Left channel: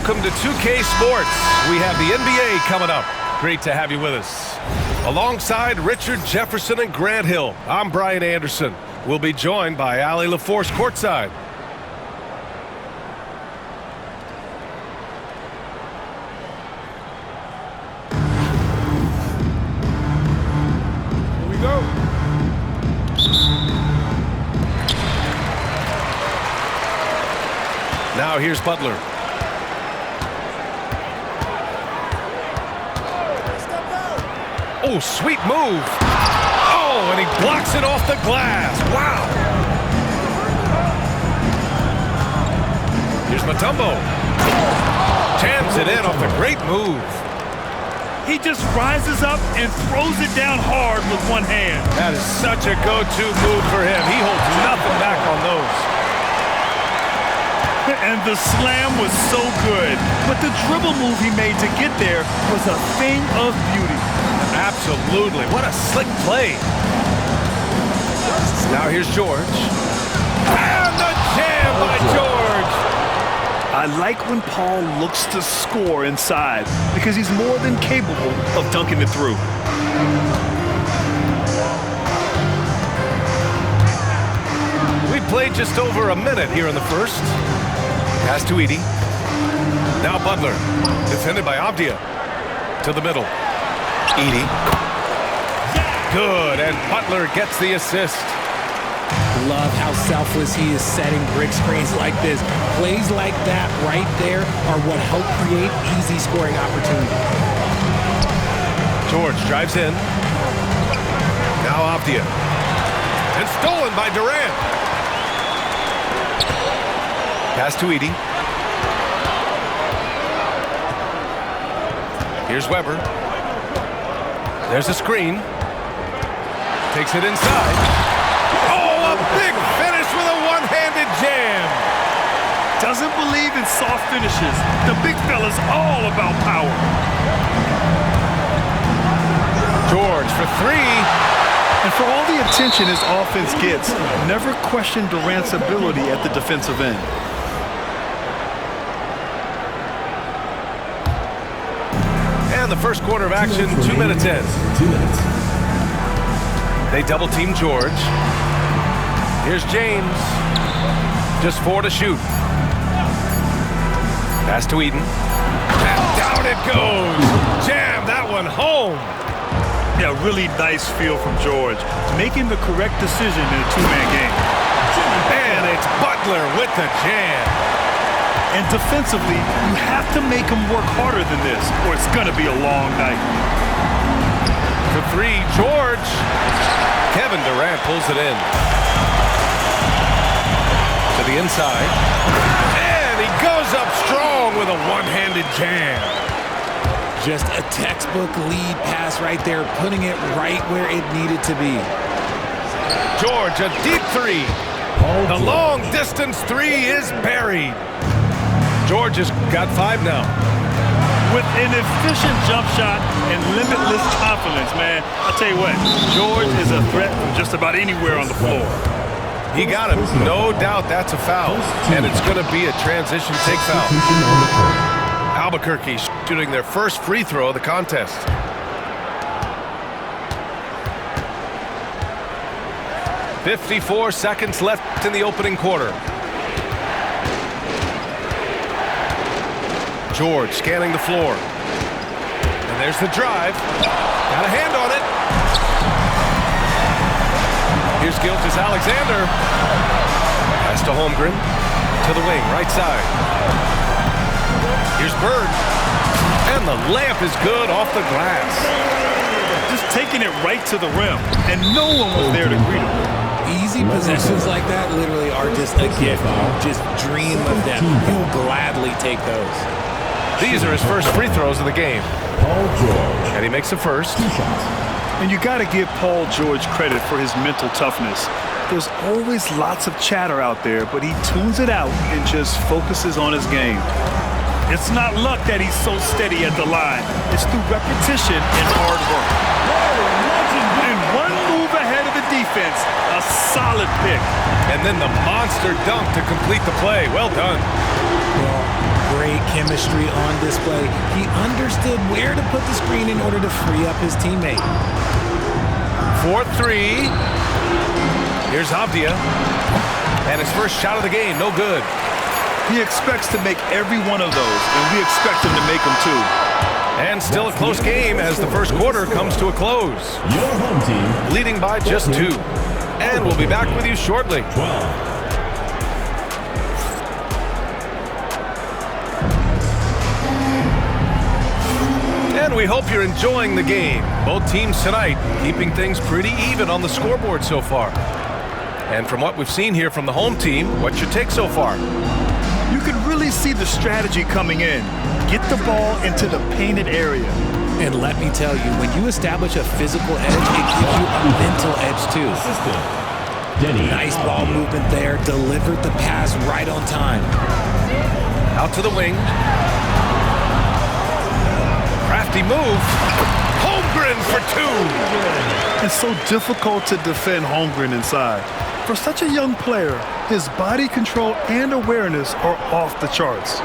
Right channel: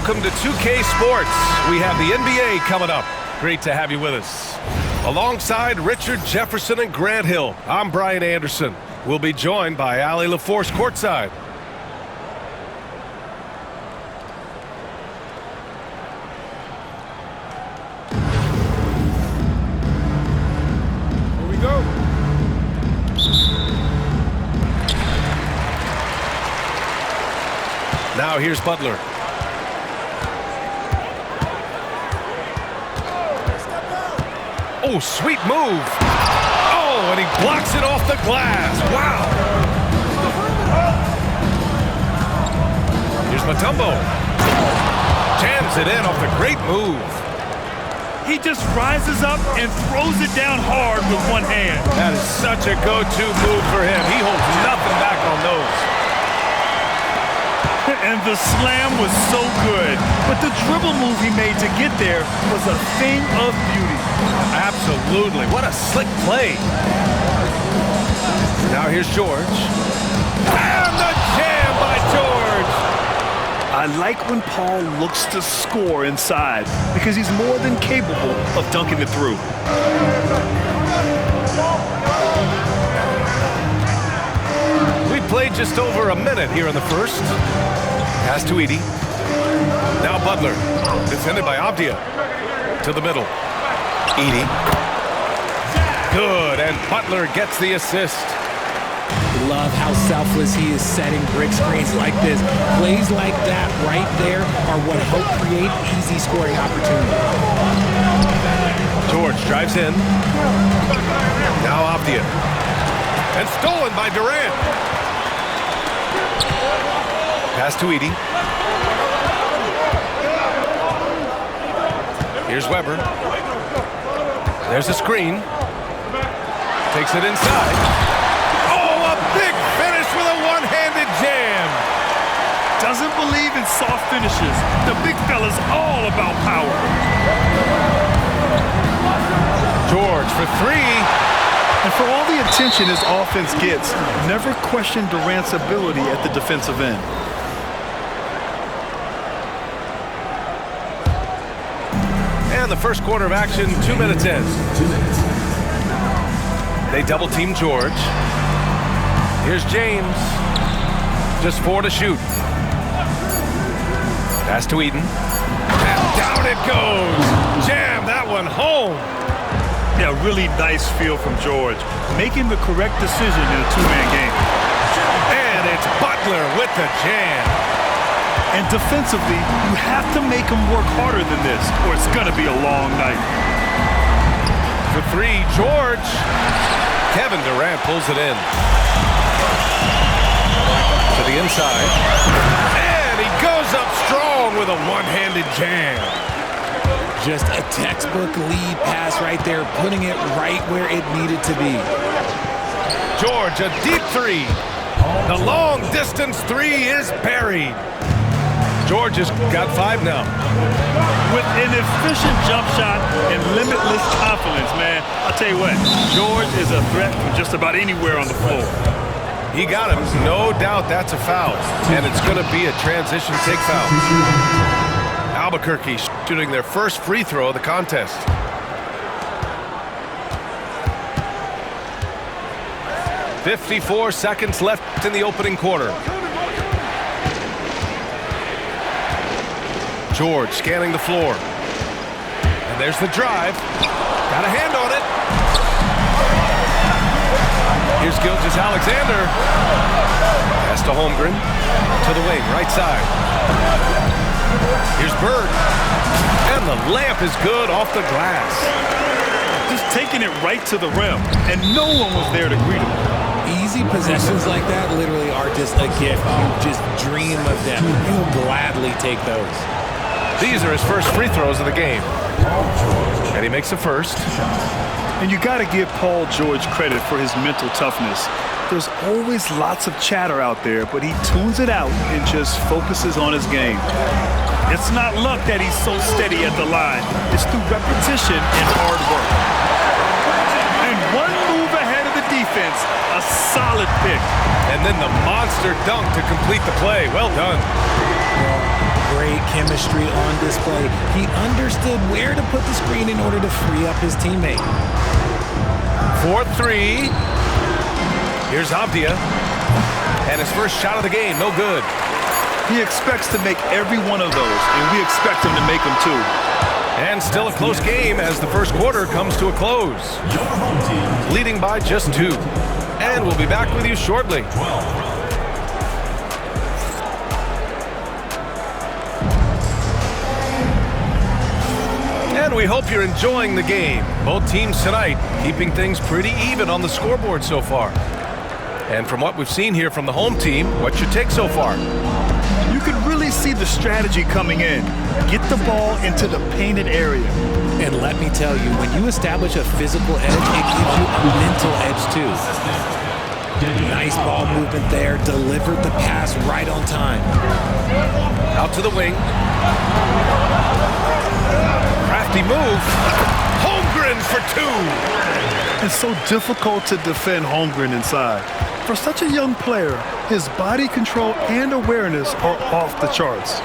Welcome to 2K Sports. We have the NBA coming up. Great to have you with us. Alongside Richard Jefferson and Grant Hill, I'm Brian Anderson. We'll be joined by Allie LaForce courtside. Here we go. Now here's Butler. Oh, sweet move. Oh, and he blocks it off the glass. Wow. Here's Mutombo. Jams it in off the great move. He just rises up and throws it down hard with one hand. That is such a go-to move for him. He holds nothing back on those. And the slam was so good. But the dribble move he made to get there was a thing of beauty. Absolutely. What a slick play. Now here's George. And the jam by George. I like when Paul looks to score inside because he's more than capable of dunking it through. We played just over a minute here in the first. Pass to Edey. Now Butler. Defended by Avdia. To the middle. Edey. Good, and Butler gets the assist. Love how selfless he is setting brick screens like this. Plays like that right there are what help create easy scoring opportunities. George drives in. Now Avdia. And stolen by Durant. Pass to Edey. Here's Weber. There's a screen. Takes it inside. Oh, a big finish with a one-handed jam. Doesn't believe in soft finishes. The big fella's all about power. George for three. And for all the attention his offense gets, never question Durant's ability at the defensive end. And the first quarter of action, 2 minutes in. 2 minutes. They double team George. Here's James. Just 4 to shoot. Pass to Eden. And down it goes. Jam that one home. Yeah, really nice feel from George, making the correct decision in a two-man game. And it's Butler with the jam. And defensively, you have to make him work harder than this, or it's going to be a long night. For three, George. Kevin Durant pulls it in. To the inside. And he goes up strong with a one-handed jam. Just a textbook lead pass right there, putting it right where it needed to be. George, a deep three. The long-distance three is buried. George has got 5 now. With an efficient jump shot and limitless confidence, man, I'll tell you what, George is a threat from just about anywhere on the floor. He got him. No doubt that's a foul. And it's going to be a transition take foul. Albuquerque shooting their first free throw of the contest. "54 seconds left in the opening quarter. George scanning the floor. And there's the drive. Got a hand on it. Here's Gilgeous-Alexander. Pass to Holmgren. To the wing, right side. Here's Bird. And the layup is good off the glass. Just taking it right to the rim, and no one was there to greet him. Easy possessions like that literally are just a gift. You just dream of them. He'll gladly take those. These are his first free throws of the game. And he makes the first. And you got to give Paul George credit for his mental toughness. There's always lots of chatter out there, but he tunes it out and just focuses on his game. It's not luck that he's so steady at the line. It's through repetition and hard work. And one move ahead of the defense, a solid pick. And then the monster dunk to complete the play. Well done. Well, great chemistry on display. He understood where to put the screen in order to free up his teammate. 4-3. Here's Avdia. And his first shot of the game, no good. He expects to make every one of those, and we expect him to make them too. And still a close game as the first quarter comes to a close. Your home team Leading by just 2. And we'll be back with you shortly. 12. And we hope you're enjoying the game. Both teams tonight keeping things pretty even on the scoreboard so far. And from what we've seen here from the home team, what's your take so far? You can really see the strategy coming in. Get the ball into the painted area. And let me tell you, when you establish a physical edge, it gives you a mental edge too. Nice ball movement there, delivered the pass right on time. Out to the wing. Crafty move. Holmgren for 2. It's so difficult to defend Holmgren inside. For such a young player, his body control and awareness are off the charts.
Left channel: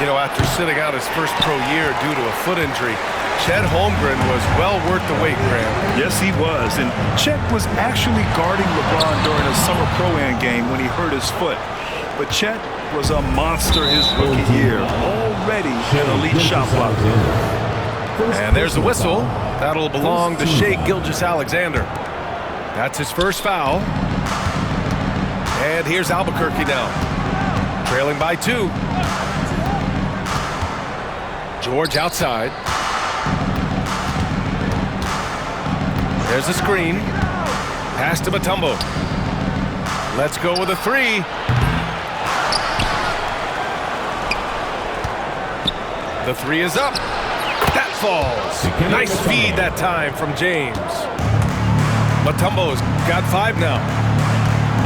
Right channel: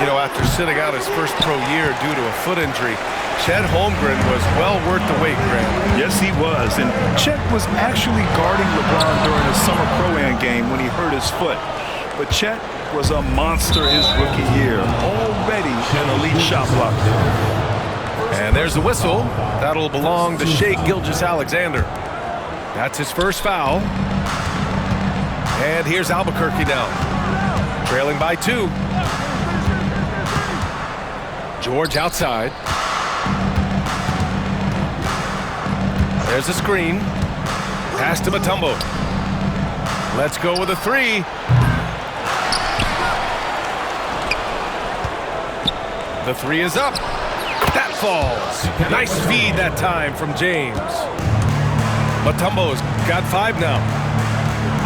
You know, after sitting out his first pro year due to a foot injury, Chet Holmgren was well worth the wait, Graham. Yes, he was. And Chet was actually guarding LeBron during a summer Pro-Am game when he hurt his foot. But Chet was a monster his rookie year, already an elite shot blocker. And there's the whistle. That'll belong to Shai Gilgeous-Alexander. That's his first foul. And here's Albuquerque now, trailing by 2. George outside. There's a screen. Pass to Mutombo. Let's go with a 3. The 3 is up. That falls. Nice feed that time from James. Mutombo's got 5 now.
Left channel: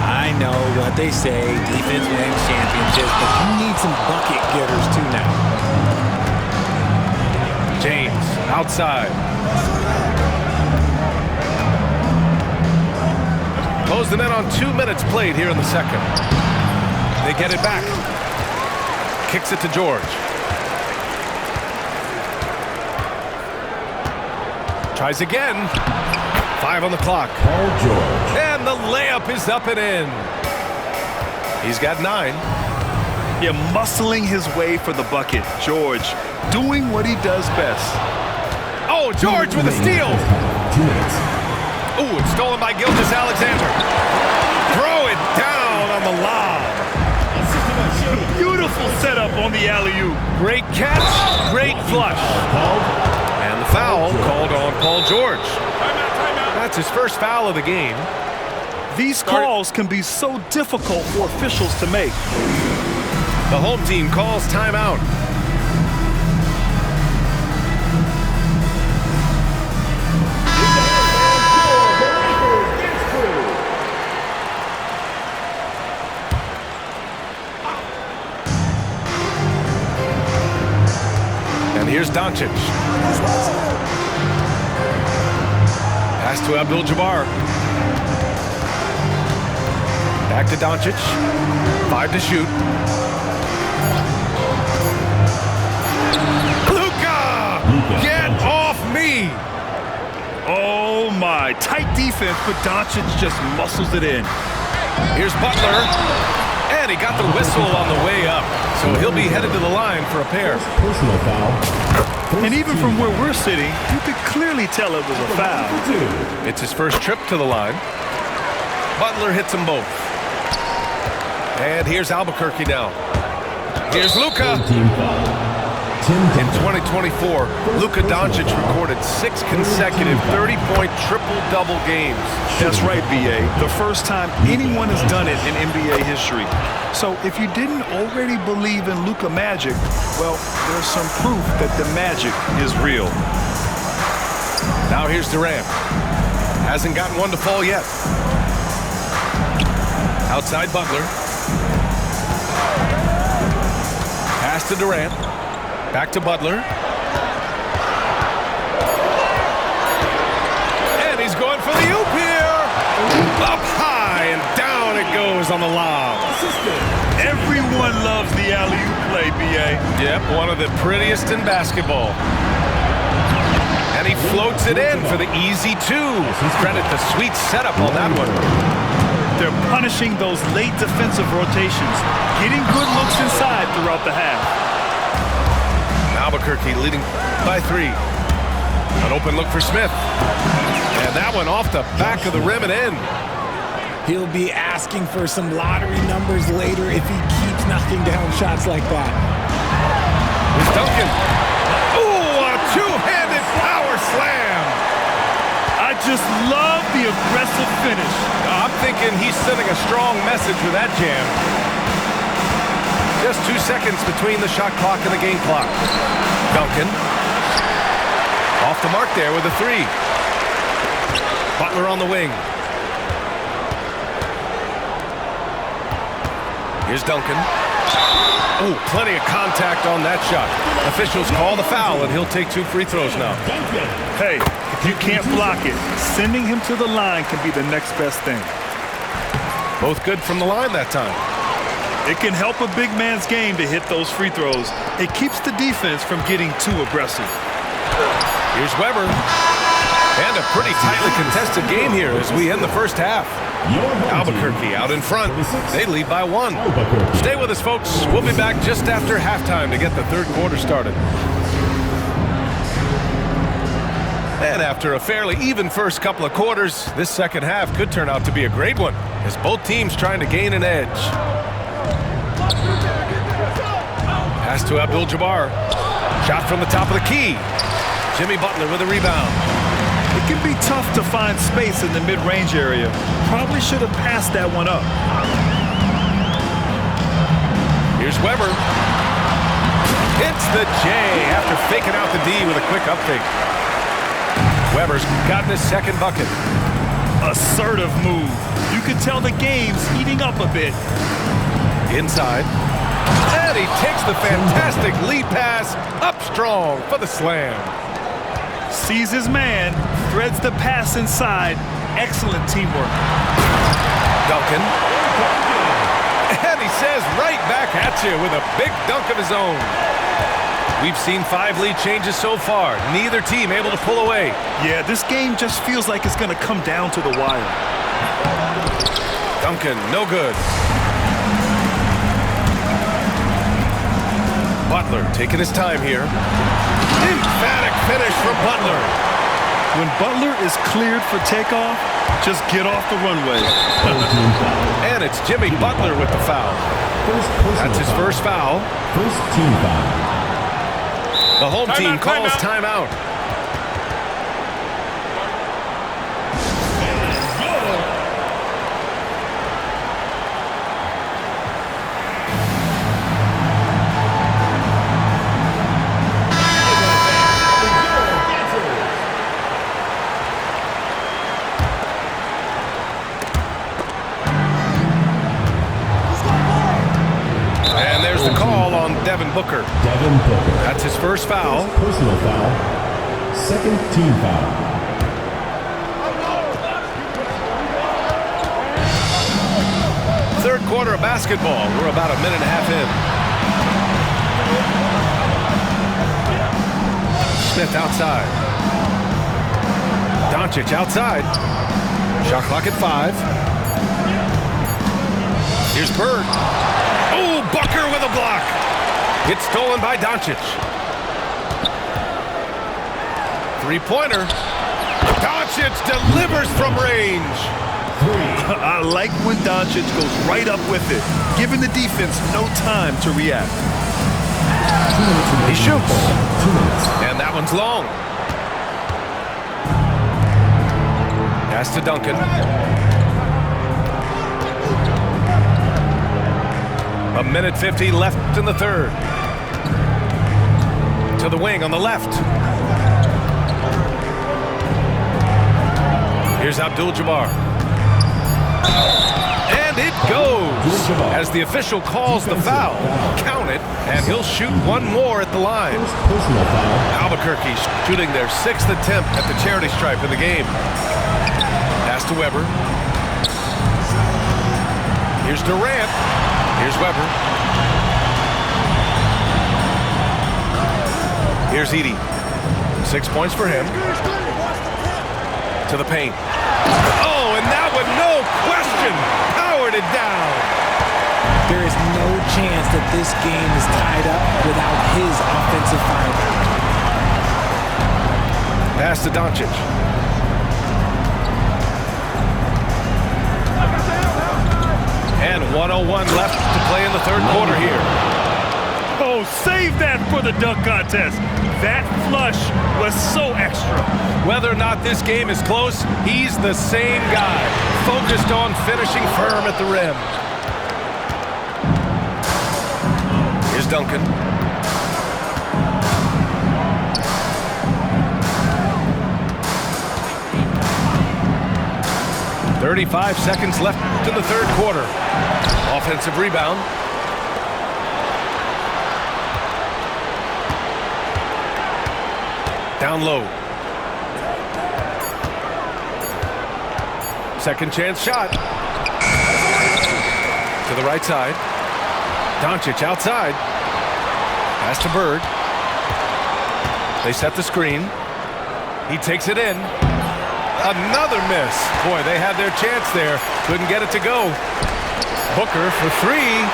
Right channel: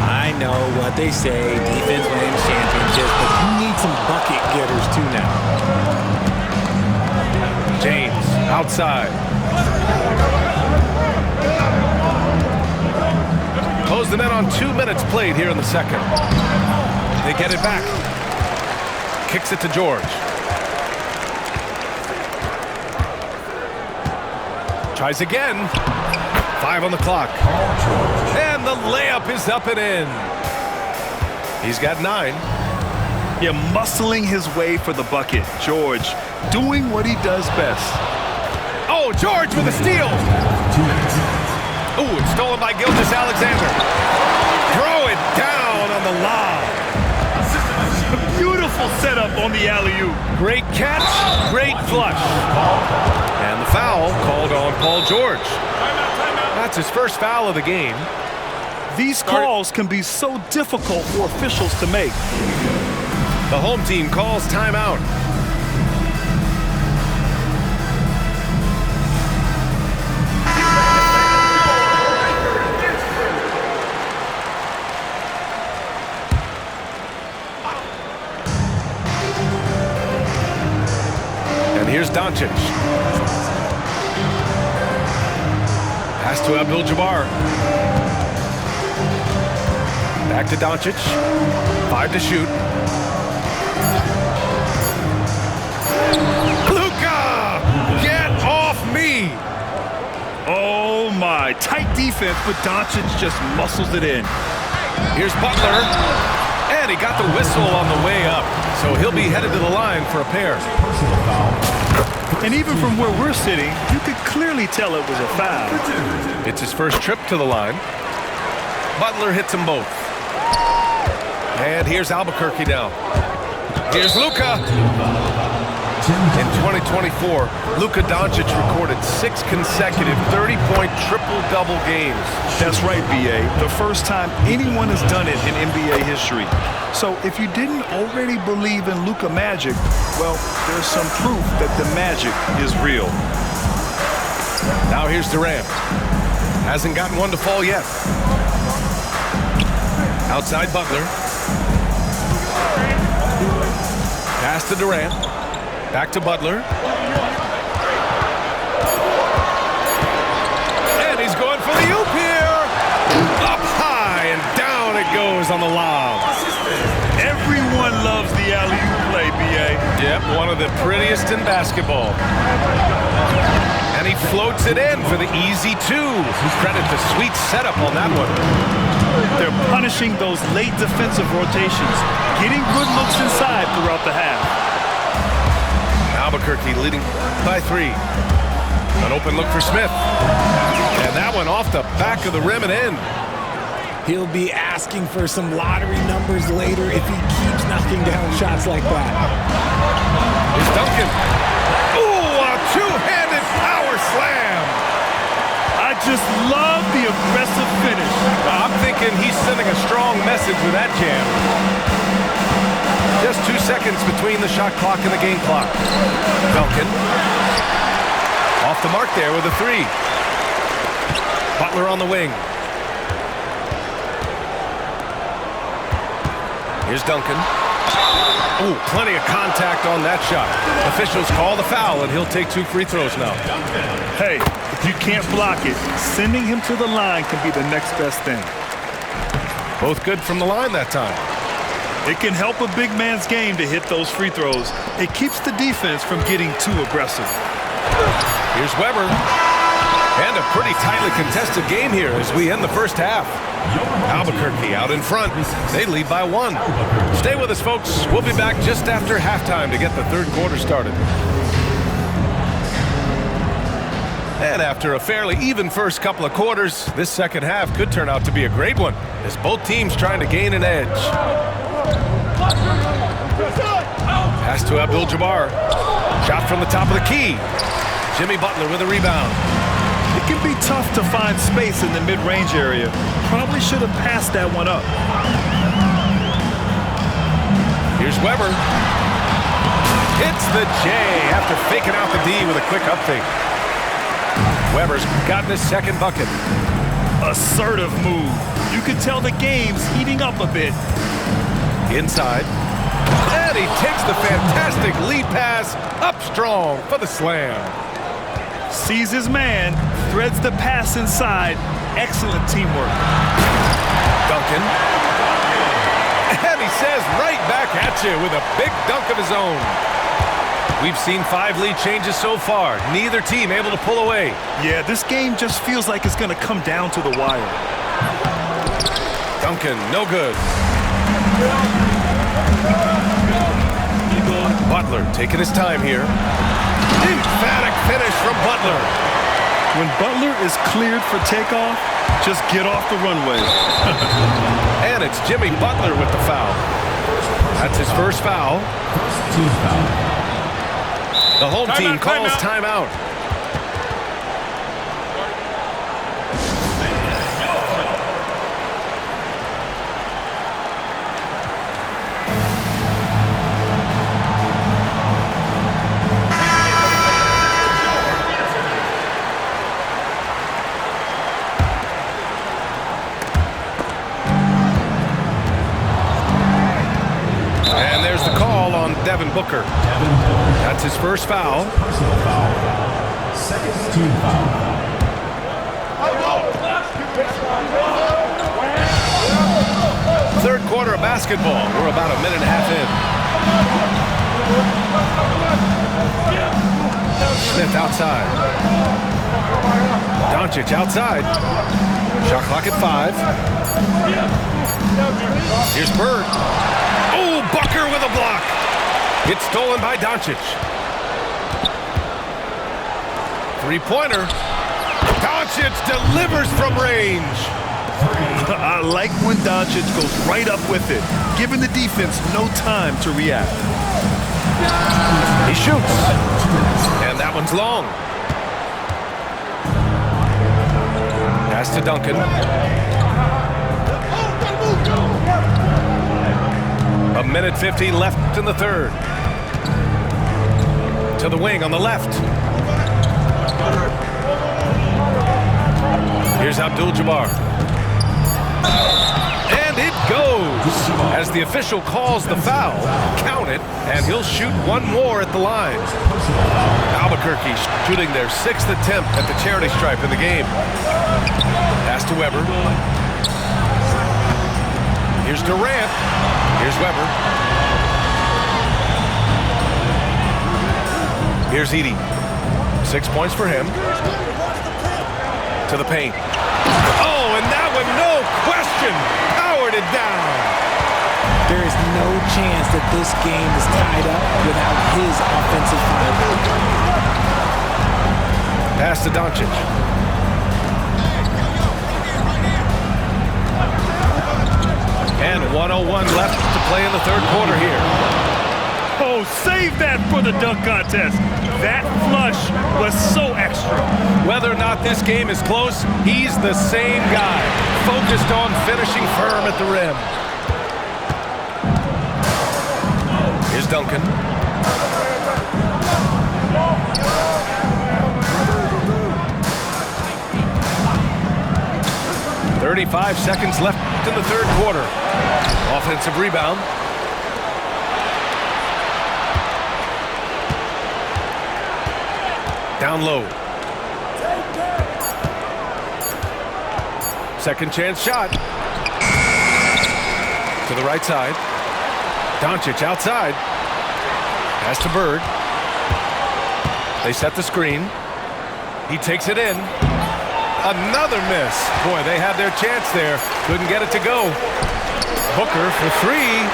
I know what they say, defense wins championships, but you need some bucket getters too now. James outside. Close the net on 2 minutes played here in the second. They get it back. Kicks it to George. Tries again. 5 on the clock. And the layup is up and in. He's got 9. Yeah, muscling his way for the bucket. George doing what he does best. Oh, George with a steal. 2 minutes. Ooh, it's stolen by Gilgeous-Alexander. Throw it down on the lob. Beautiful setup on the alley-oop. Great catch, great flush. And the foul called on Paul George. That's his first foul of the game. These calls can be so difficult for officials to make. The home team calls timeout. And here's Doncic. Pass to Abdul-Jabbar. Back to Doncic. 5 to shoot. Luka! Get off me! Oh my, tight defense, but Doncic just muscles it in. Here's Butler. And he got the whistle on the way up. So he'll be headed to the line for a pair. Personal foul. And even from where we're sitting, you could clearly tell it was a foul. It's his first trip to the line. Butler hits them both. And here's Albuquerque now. Here's Luka. In 2024, Luka Doncic recorded 6 consecutive 30-point triple-double games. That's right, B.A. The first time anyone has done it in NBA history. So if you didn't already believe in Luka magic, well, there's some proof that the magic is real. Now here's Durant. Hasn't gotten one to fall yet. Outside Butler. Pass to Durant. Back to Butler. And he's going for the oop here. Up high and down it goes on the lob. Everyone loves the alley-oop play, B.A. Yep, one of the prettiest in basketball. And he floats it in for the easy two. Credit the sweet setup on that one. They're punishing those late defensive rotations, getting good looks inside throughout the half. Albuquerque leading by 3. An open look for Smith. And that one off the back of the rim and in. He'll be asking for some lottery numbers later if he keeps knocking down shots like that. Here's Duncan. Ooh, a two-handed power slam. I just love the aggressive finish. I'm thinking he's sending a strong message with that jam. Just 2 seconds between the shot clock and the game clock. Duncan. Off the mark there with a 3. Butler on the wing. Here's Duncan. Ooh, plenty of contact on that shot. Officials call the foul, and he'll take 2 free throws now. Hey, if you can't block it, sending him to the line can be the next best thing. Both good from the line that time. It can help a big man's game to hit those free throws. It keeps the defense from getting too aggressive. Here's Weber. And a pretty tightly contested game here as we end the first half. Albuquerque out in front. They lead by 1. Stay with us, folks. We'll be back just after halftime to get the third quarter started. And after a fairly even first couple of quarters, this second half could turn out to be a great one as both teams trying to gain an edge. Pass to Abdul-Jabbar. Shot from the top of the key. Jimmy Butler with a rebound. It can be tough to find space in the mid-range area. Probably should have passed that one up. Here's Weber. Hits the J after faking out the D with a quick up fake. Weber's gotten his second bucket. Assertive move. You can tell the game's heating up a bit. Inside. And he takes the fantastic lead pass up strong for the slam. Sees his man, threads the pass inside. Excellent teamwork. Duncan. And he says right back at you with a big dunk of his own. We've seen 5 lead changes so far. Neither team able to pull away. Yeah, this game just feels like it's going to come down to the wire. Duncan, no good. Butler taking his time here. Emphatic finish from Butler. When Butler is cleared for takeoff, just get off the runway. And it's Jimmy Butler with the foul. That's his first foul. First team foul. The home team calls timeout. And there's the call on Devin Booker. Devin Booker. That's his first foul. Personal foul. Second team foul. Third quarter of basketball. We're about a minute and a half in. Smith outside. Doncic outside. Shot clock at 5. Here's Bird. Oh, Booker with a block. It's stolen by Doncic. Three-pointer. Doncic delivers from range. I like when Doncic goes right up with it, giving the defense no time to react. He shoots. And that one's long. Pass to Duncan. A minute 50 left in the third. To the wing on the left. Here's Abdul-Jabbar. And it goes. As the official calls the foul, count it, and he'll shoot one more at the line. Albuquerque shooting their 6th attempt at the charity stripe in the game. Pass to Weber. Here's Durant. Here's Weber. Here's Edey. 6 points for him. To the paint. Oh, and that one, no question, powered it down. There is no chance that this game is tied up without his offensive firepower. Pass to Doncic. And 1:01 left to play in the third quarter here. Oh, save that for the dunk contest. That flush was so extra. Whether or not this game is close, he's the same guy, focused on finishing firm at the rim. Here's Duncan. "35 seconds left in the third quarter. Offensive rebound. Down low. Second chance shot. To the right side. Doncic outside. Pass to Bird. They set the screen. He takes it in. Another miss. Boy, they had their chance there. Couldn't get it to go. Booker for three.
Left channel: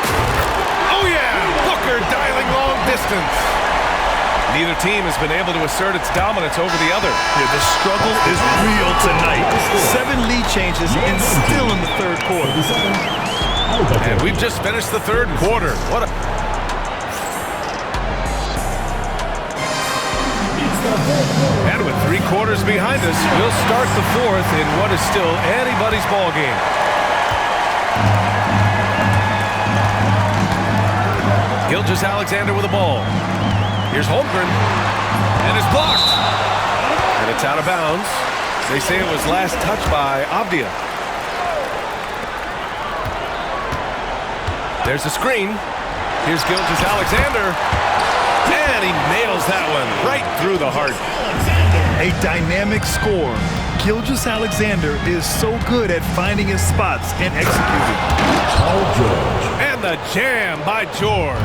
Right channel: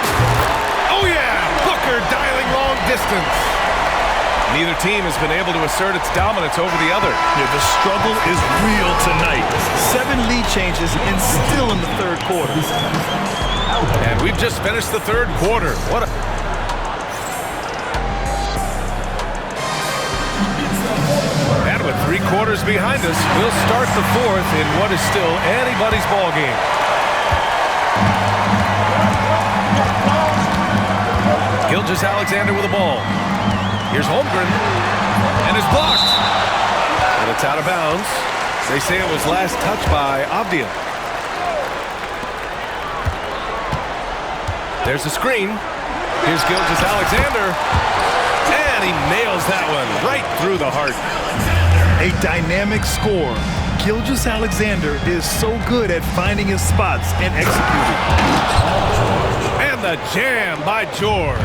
Oh yeah! Booker dialing long distance. Neither team has been able to assert its dominance over the other. Yeah, the struggle is real tonight. 7 lead changes and still in the third quarter. And we've just finished the third quarter. What a... And with 3 quarters behind us, we'll start the fourth in what is still anybody's ball game. Gilgeous-Alexander with the ball. Here's Holmgren, and it's blocked. And it's out of bounds. They say it was last touched by Avdia. There's the screen. Here's Gilgeous-Alexander, and he nails that one right through the heart. A dynamic score. Gilgeous-Alexander is so good at finding his spots and executing. And the jam by George.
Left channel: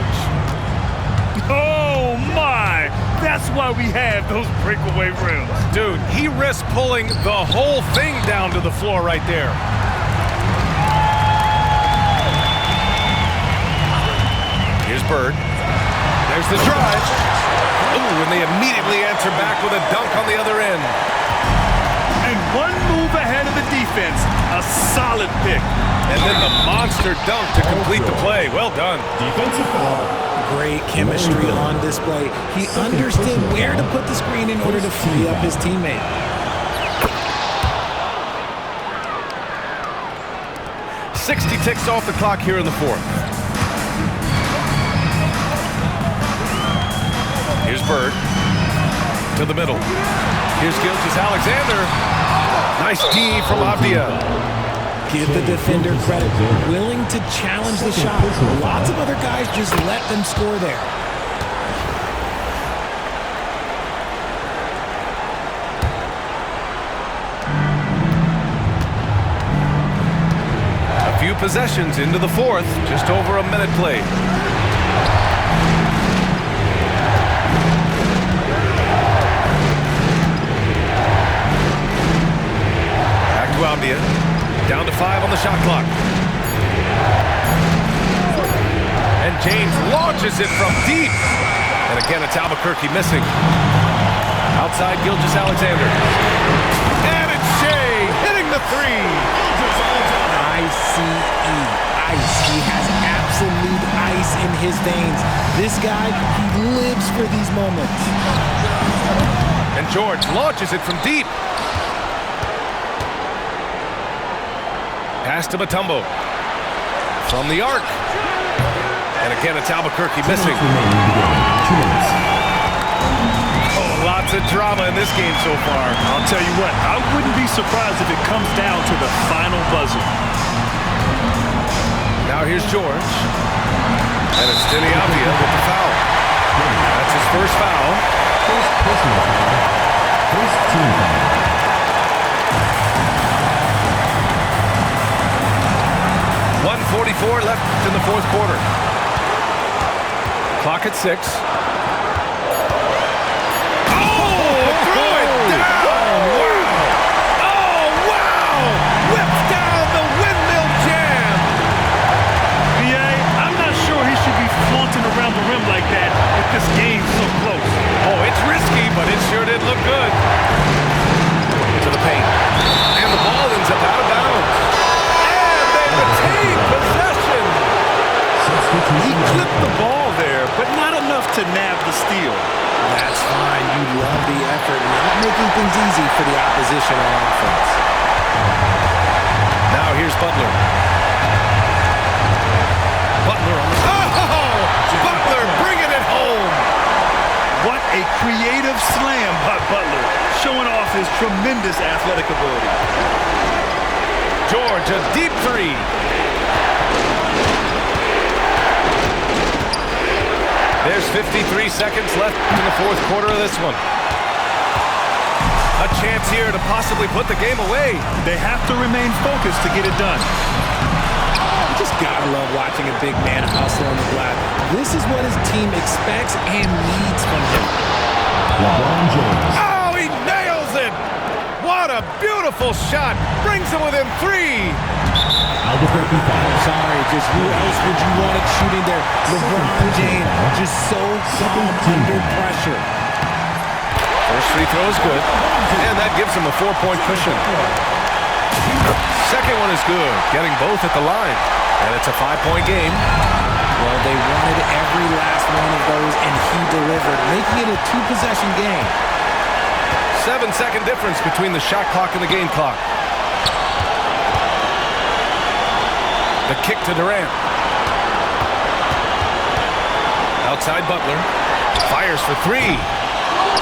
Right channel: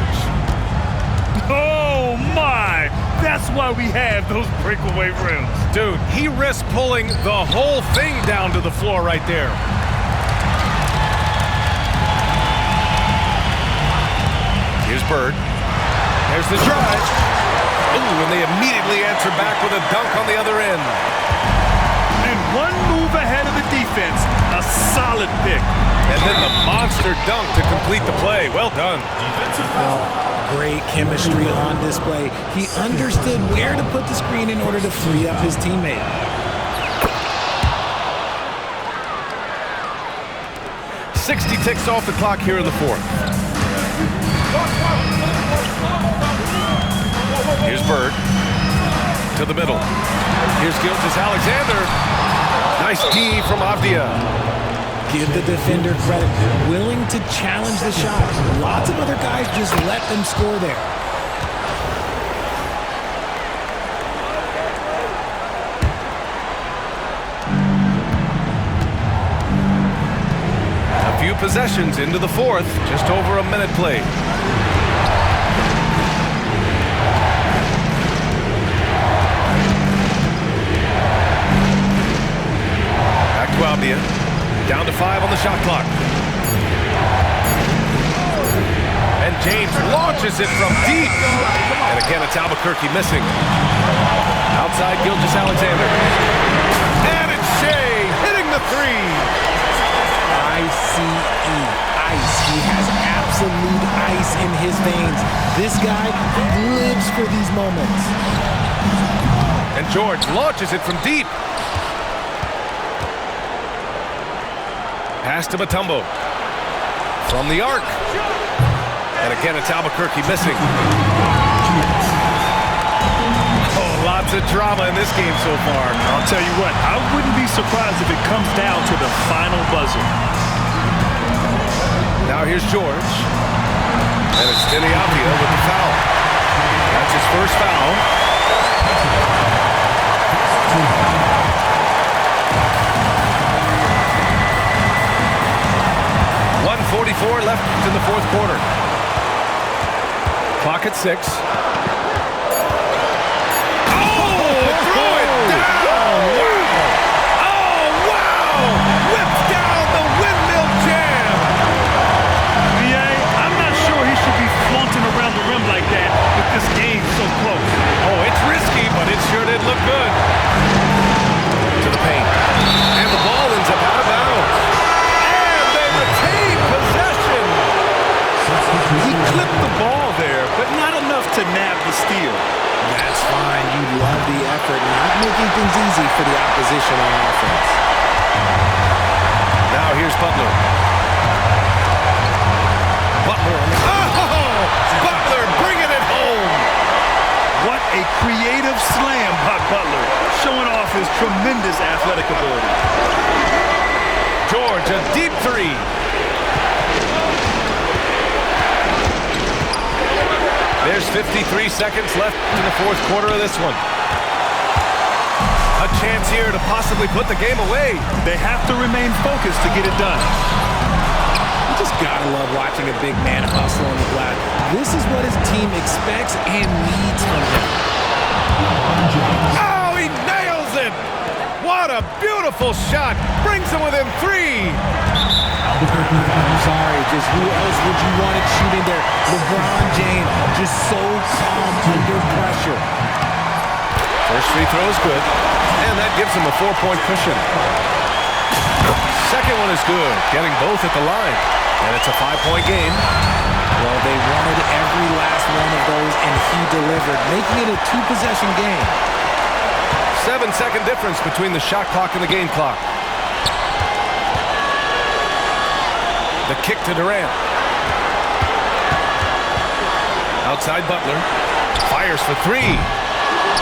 Oh my! That's why we have those breakaway rims. Dude, he risked pulling the whole thing down to the floor right there. Here's Bird. There's the drive. Ooh, and they immediately answer back with a dunk on the other end. And one move ahead of the defense. A solid pick. And then the monster dunk to complete the play. Well done. Defensive foul. Great chemistry on display. He understood where to put the screen in order to free up his teammate. "60 ticks off the clock here in the fourth. Here's Bird. To the middle. Here's Gilgeous-Alexander. Nice D from Avdia. Give the defender credit. Willing to challenge the shot. Lots of other guys just let them score there. A few possessions into the fourth. Just over a minute played. Back to Avdia. Down to 5 on the shot clock. And James launches it from deep. And again, it's Albuquerque missing. Outside Gilgeous-Alexander. And it's Shea hitting the three. ICE. Ice. He has absolute ice in his veins. This guy, he lives for these moments. And George launches it from deep. Pass to Mutombo. From the arc. And again, it's Albuquerque missing. Oh, lots of drama in this game so far. I'll tell you what, I wouldn't be surprised if it comes down to the final buzzer. Now here's George. And it's Denny Avdia with the foul. That's his first foul. First team foul. 1:44 left in the fourth quarter. Clock at 6. Oh, threw it down! Wow! Oh, wow! Whips down the windmill jam! BA, I'm not sure he should be flaunting around the rim like that with this game so close. Oh, it's risky, but it sure did look good. To the paint. And the ball ends up out of bounds. And they retain possession. He clipped the ball there, but not enough to nab the steal. That's fine. You love the effort, not making things easy for the opposition on offense. Now here's Butler. Butler on the... Oh! Butler bringing it home! What a creative slam by Butler, showing off his tremendous athletic ability. George, a deep three. There's 53 seconds left in the fourth quarter of this one. A chance here to possibly put the game away. They have to remain focused to get it done. You just gotta love watching a big man hustle on the glass. This is what his team expects and needs from him. LeBron James. Oh, he nails it! What a beautiful shot! Brings him within 3. I'm sorry, just who else would you want it shooting there? LeBron James, just so calm under pressure. First free throw is good, and that gives him a 4-point cushion. Second one is good, getting both at the line, and it's a 5-point game. Well, they wanted every last one of those, and he delivered, making it a 2-possession game. 7-second difference between the shot clock and the game clock. The kick to Durant. Outside Butler. Fires for 3.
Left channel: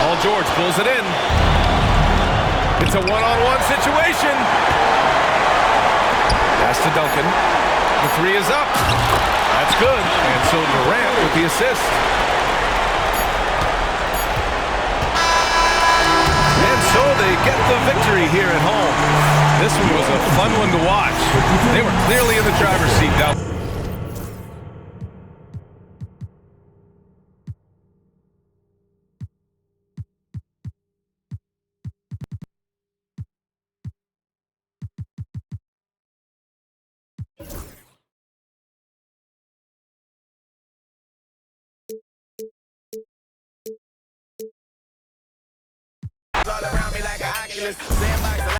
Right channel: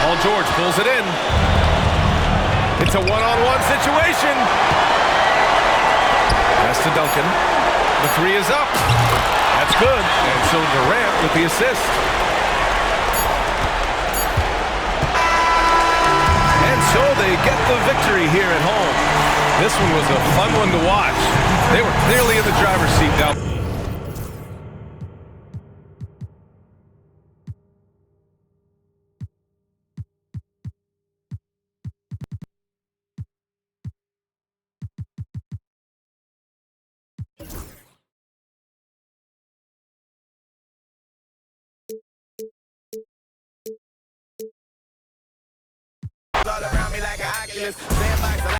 Paul George pulls it in. It's a one-on-one situation. Pass to Duncan. The 3 is up. That's good. And so Durant with the assist. And so they get the victory here at home. This one was a fun one to watch. They were clearly in the driver's seat down. All around me like an Oculus.